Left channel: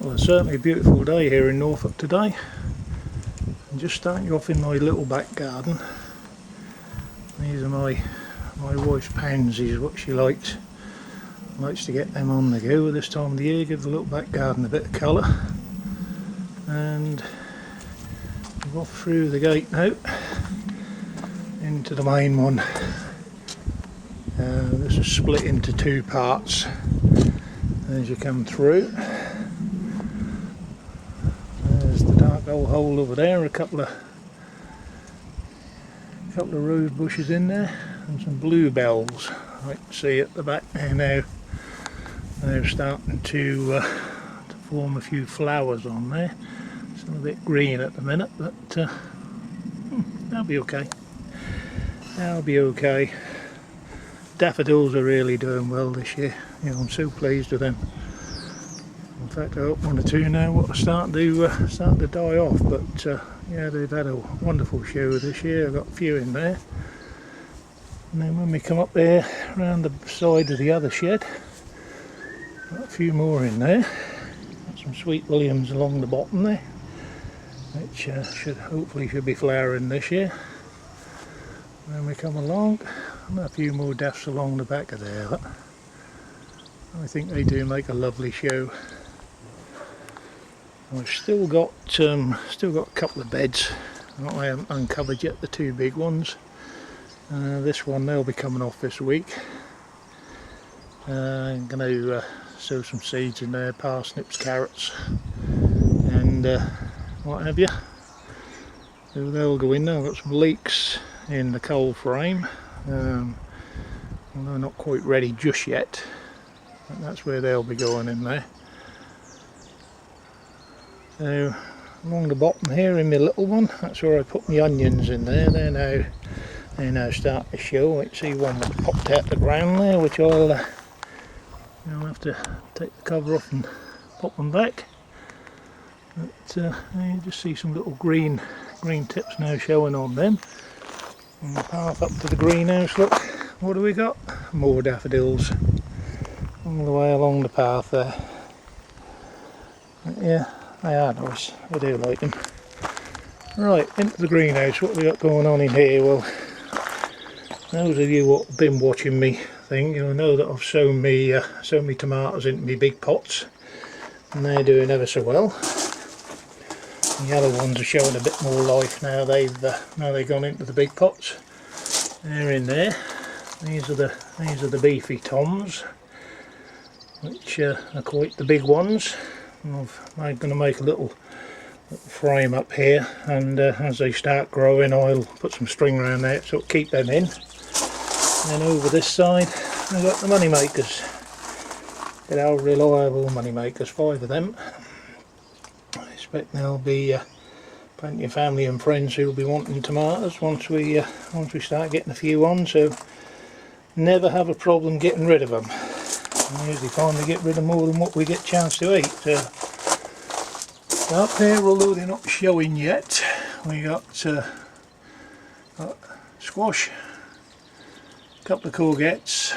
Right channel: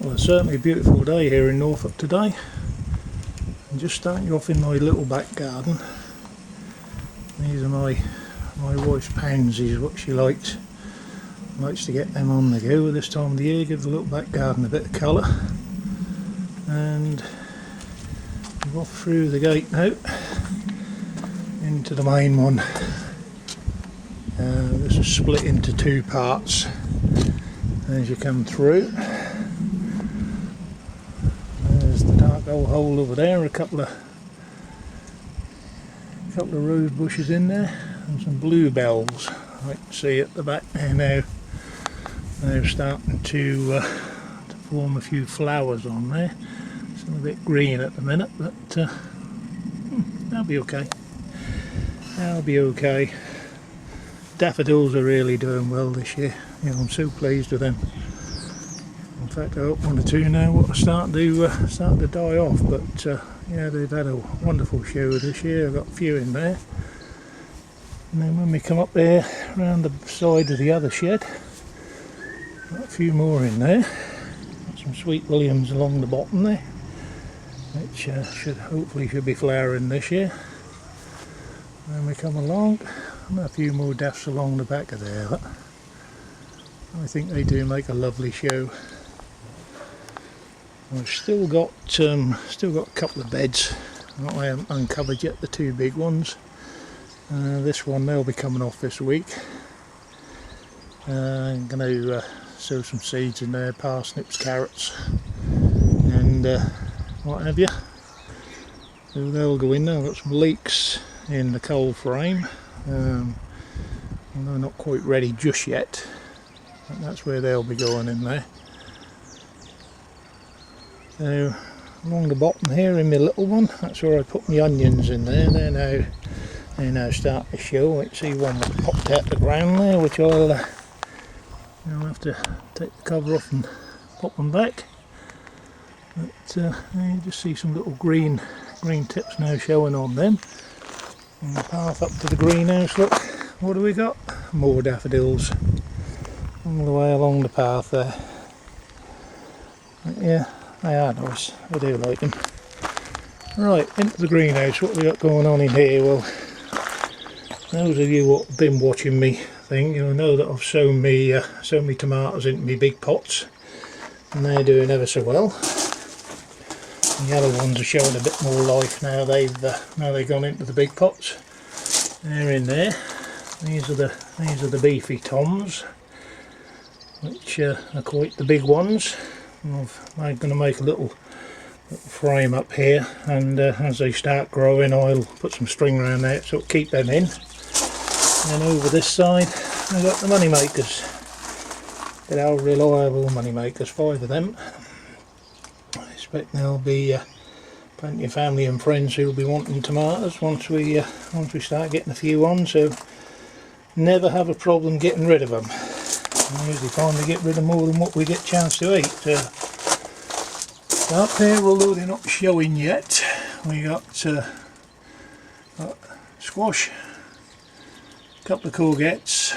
Well, it's certainly a beautiful day here in Norfolk today. I'm just starting off in my little back garden. These are my wife's pansies, what she likes. Likes to get them on the go at this time of the year, give the little back garden a bit of colour. And we're off through the gate now into the main one. This is split into two parts as you come through. There's the dark old hole over there, a couple of rose bushes in there, and some bluebells I can see at the back there now. They're starting to form a few flowers on there. It's a little bit green at the minute, but that'll be okay. That'll be okay. Daffodils are really doing well this year. You know, I'm so pleased with them. In fact, I got one or two now what are starting to die off, but yeah, they've had a wonderful show this year. I've got a few in there. And then when we come up there around the side of the other shed, got a few more in there. Got some sweet williams along the bottom there, which should be flowering this year. And then we come along, and a few more daffs along the back of there. But I think they do make a lovely show. I've still got a couple of beds that I haven't uncovered yet, the two big ones. This one, they'll be coming off this week. I'm going to sow some seeds in there, parsnips, carrots and what have you. So they'll go in there. I've got some leeks in the cold frame, although not quite ready just yet, but that's where they'll be going in there. So along the bottom here in my little one, that's where I put my onions in there. They're now starting to show. I can see one that popped out the ground there, which I'll have to take the cover off and pop them back. But you just see some little green tips now showing on them. And the path up to the greenhouse, look, what do we got? More daffodils all the way along the path there. But yeah, they are nice. I do like them. Right, into the greenhouse. What we got going on in here? Well, those of you who have been watching me you'll know that I've sown me tomatoes into me big pots, and they're doing ever so well. The other ones are showing a bit more life now. They've gone into the big pots. They're in there. These are the beefy toms, which are quite the big ones. I'm going to make a little frame up here, and as they start growing I'll put some string around there so it'll keep them in. And over this side I've got the money makers. Good old reliable money makers, 5 of them. I expect there'll be plenty of family and friends who'll be wanting tomatoes once we start getting a few on, so never have a problem getting rid of them. I usually find we get rid of more than what we get a chance to eat. Up here, although they're not showing yet, we got squash, a couple of courgettes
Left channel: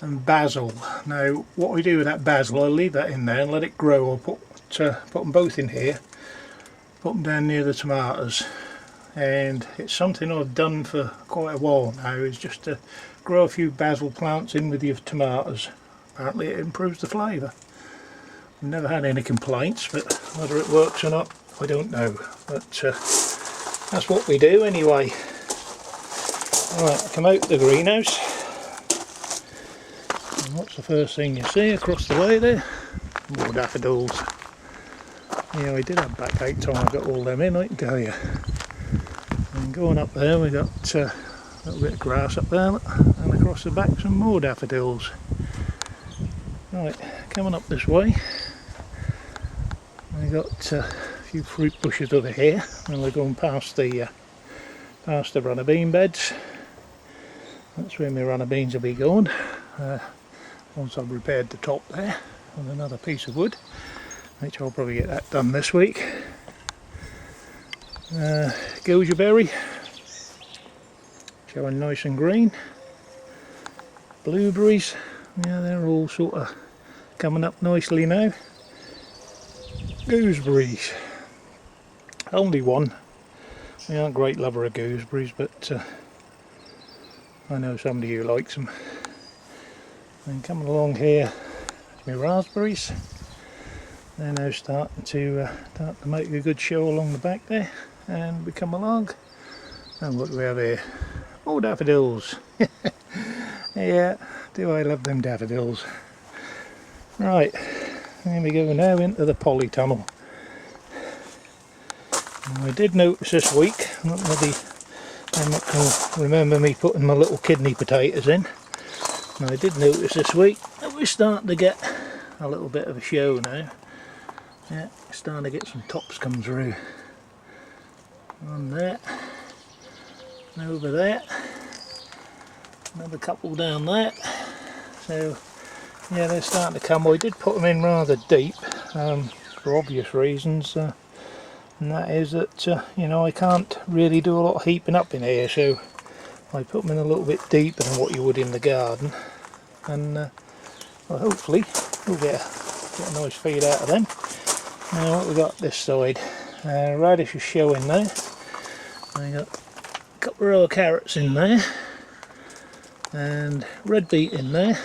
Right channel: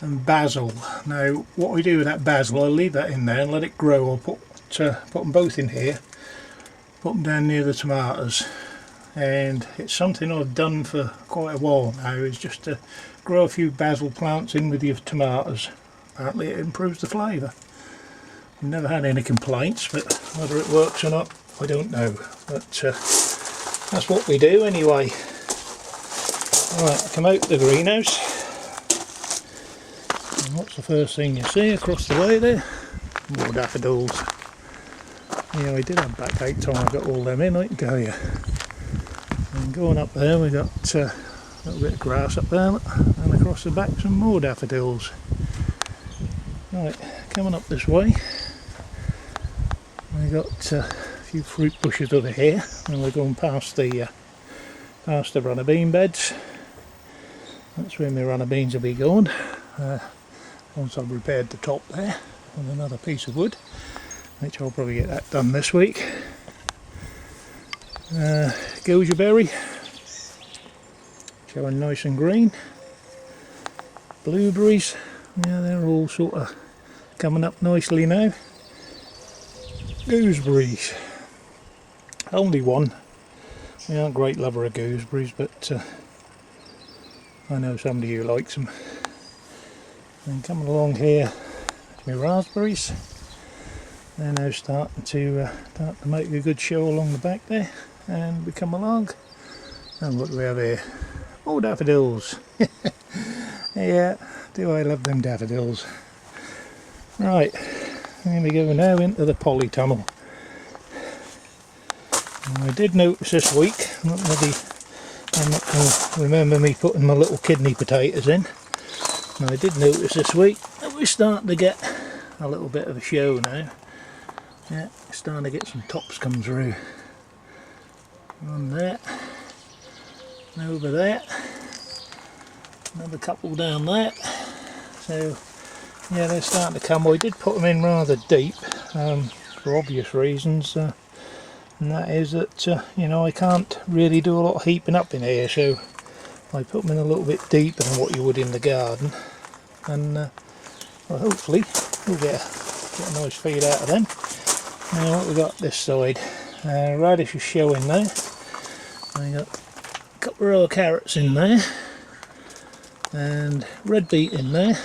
and basil. Now what we do with that basil, I'll leave that in there and let it grow. I'll put them both in here, put them down near the tomatoes, and it's something I've done for quite a while now, is just to grow a few basil plants in with your tomatoes. Apparently it improves the flavour. I've never had any complaints, but whether it works or not I don't know, but that's what we do anyway. Alright, come out the greenhouse, and what's the first thing you see across the way there? More daffodils. Yeah, I did have backache time I got all them in, I can tell you. And going up there we got a little bit of grass up there, and across the back some more daffodils. Right, coming up this way we got a few fruit bushes over here, and we're going past the runner bean beds. That's where my runner beans will be going once I've repaired the top there with another piece of wood, which I'll probably get that done this week. Goji berry showing nice and green. Blueberries, yeah, they're all sort of coming up nicely now. gooseberries. Only one. I aren't a great lover of gooseberries, but I know somebody who likes them. And coming along here, my raspberries. They're now starting to make a good show along the back there. And we come along, and what do we have here? Oh, daffodils. Yeah, do I love them daffodils. Right, here we go now into the polytunnel. I did notice this week, I'm not going to remember me putting my little kidney potatoes in. And I did notice this week that we're starting to get a little bit of a show now. Yeah, starting to get some tops come through. On there, and over there, another couple down there. So yeah, they're starting to come. I did put them in rather deep for obvious reasons, and that is that you know, I can't really do a lot of heaping up in here, so I put them in a little bit deeper than what you would in the garden, and well, hopefully we'll get a nice feed out of them. Now what we got this side, radish is showing now. I got a couple of row of carrots in there, and red beet in there.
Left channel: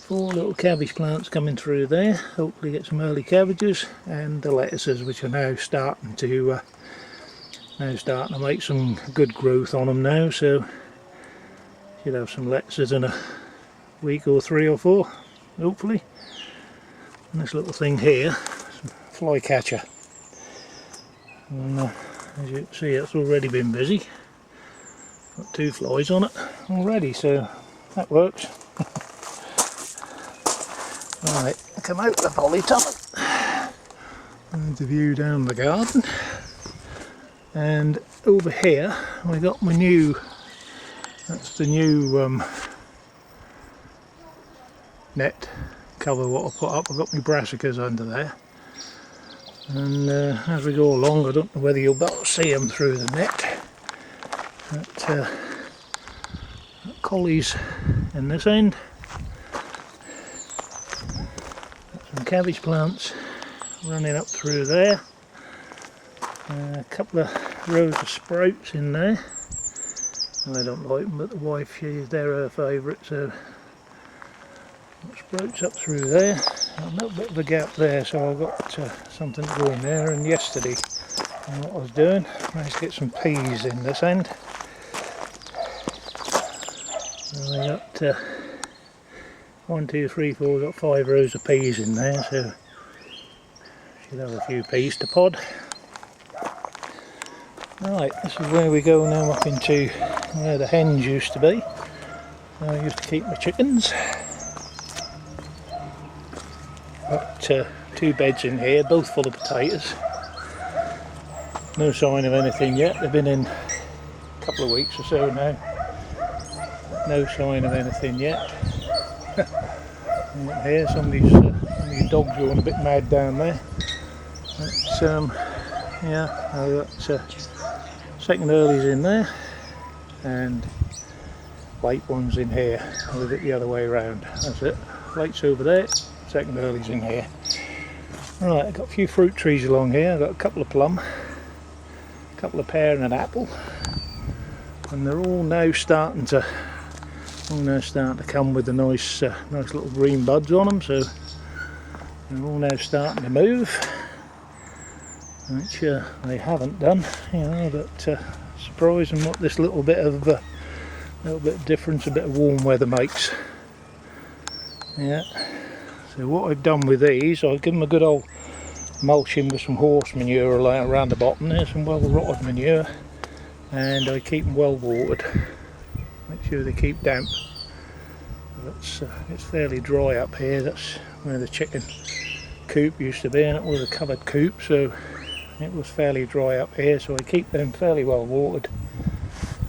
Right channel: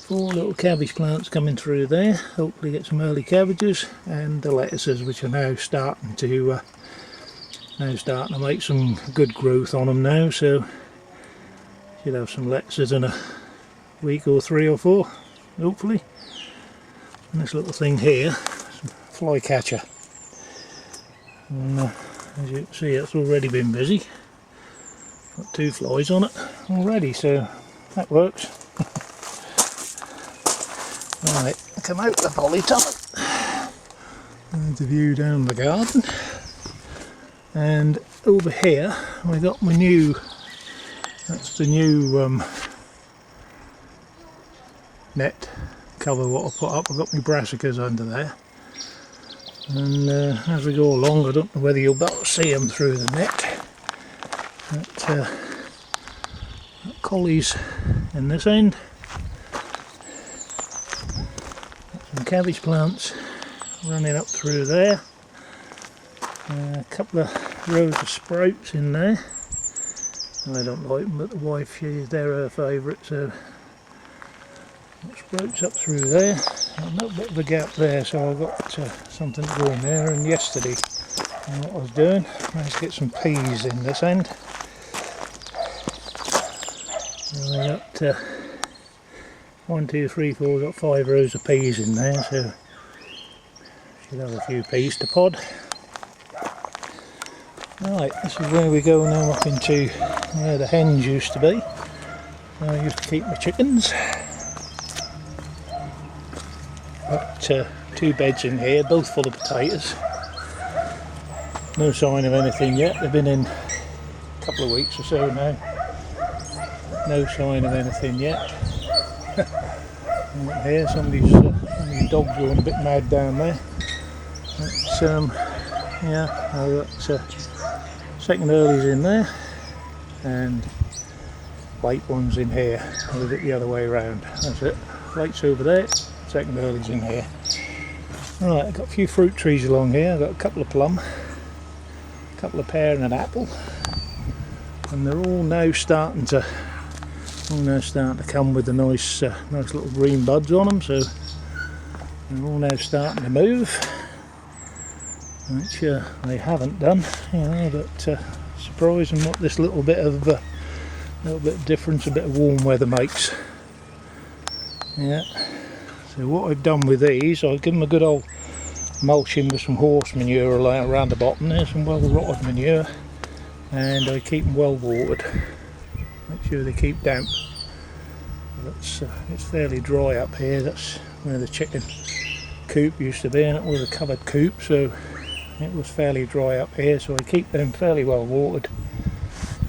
4 little cabbage plants coming through there. Hopefully get some early cabbages, and the lettuces, which are now starting to make some good growth on them now. So should have some lettuces in a week or 3 or 4, hopefully. And this little thing here, some fly catcher. And as you can see, it's already been busy. Got 2 flies on it already, so that works. Right, come out the polytunnel. There's a view down the garden. And over here we got my new, that's the new net cover what I put up. I've got my brassicas under there. And as we go along, I don't know whether you'll be able to see them through the net. But collies in this end. Some cabbage plants running up through there. A couple of rows of sprouts in there. I don't like them, but the wife, they're her favourite, so sprouts up through there. A little bit of a gap there, so I've got something to go in there. And yesterday, what I was doing, I managed to get some peas in this end. And I got 1, 2, 3, 4, got 5 rows of peas in there, so should have a few peas to pod. Right, this is where we go now, up into where the hens used to be. Where I used to keep my chickens. Got 2 beds in here, both full of potatoes. No sign of anything yet. They've been in a couple of weeks or so now. No sign of anything yet. Here, somebody's dogs going a bit mad down there. But, yeah, I've got second earlies in there, and late ones in here. I'll leave it the other way around. That's it. Late's over there, second earlies in here. Right, I've got a few fruit trees along here. I've got a couple of plum, a couple of pear and an apple, and they're all now starting to come with the nice little green buds on them. So they're all now starting to move, which they haven't done, you know. But surprising what this little bit of difference, a bit of warm weather makes. Yeah. So what I've done with these, I've given them a good old mulching with some horse manure around the bottom. There's some well rotted manure, and I keep them well watered. Make sure they keep damp. It's fairly dry up here. That's where the chicken coop used to be, and it was a covered coop, so it was fairly dry up here. So I keep them fairly well watered,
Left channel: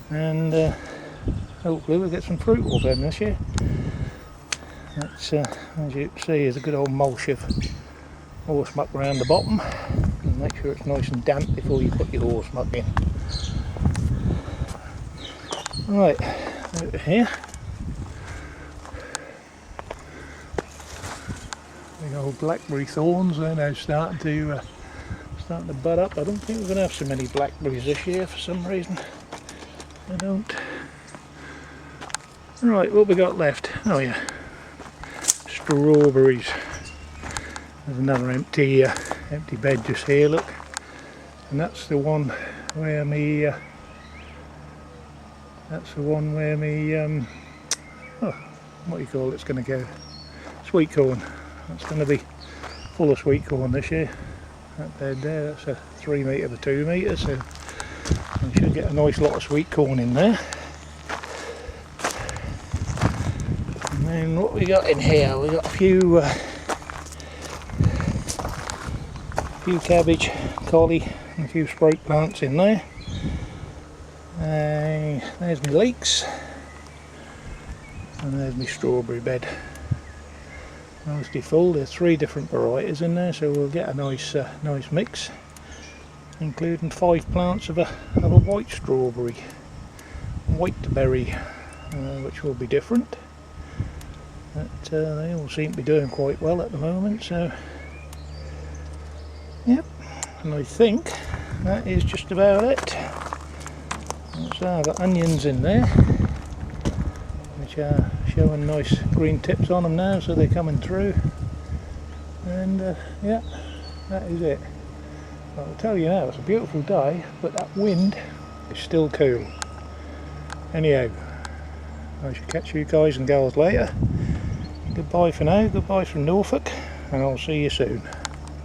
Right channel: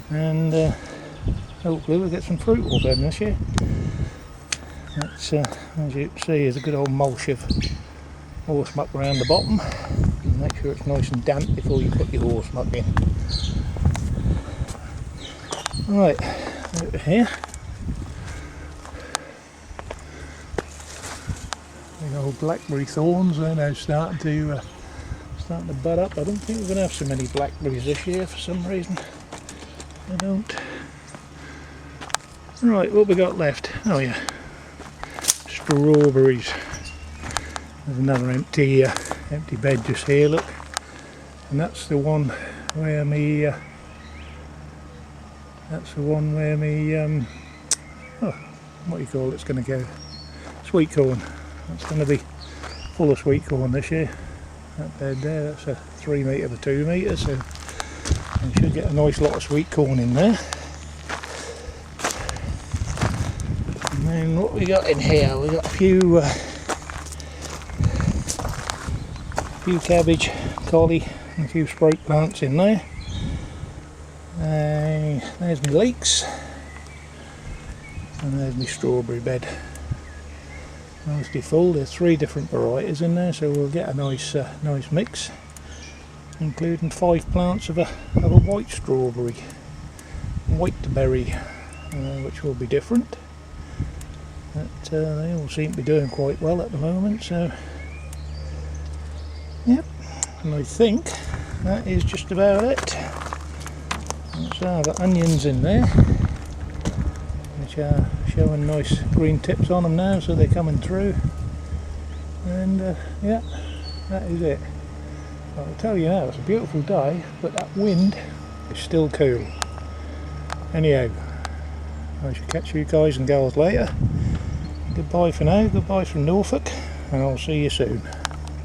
and hopefully we'll get some fruit off them this year. That's, as you can see, is a good old mulch of horse muck around the bottom, and make sure it's nice and damp before you put your horse muck in. Right, over here The old blackberry thorns are now starting to bud up. I don't think we're going to have so many blackberries this year for some reason. I don't. Right, what we got left? Oh yeah, strawberries. There's another empty bed just here, look. And that's the one where me oh, what do you call it's going to go? Sweet corn. That's going to be full of sweet corn this year. That bed there, that's a 3 metre by 2 metres, so we should get a nice lot of sweet corn in there. And then what we got in here? We got a few cabbage, collie, and a few sprite plants in there. There's my leeks, and there's my strawberry bed. Nicely full. There's 3 different varieties in there, so we'll get a nice mix, including 5 plants of a white strawberry, white berry, which will be different. But they all seem to be doing quite well at the moment, so yep. And I think that is just about it. So I've got onions in there, which are showing nice green tips on them now, so they're coming through. And yeah, that is it. I'll tell you now, it's a beautiful day, but that wind is still cool. Anyhow, I shall catch you guys and girls later. Goodbye for now, goodbye from Norfolk, and I'll see you soon.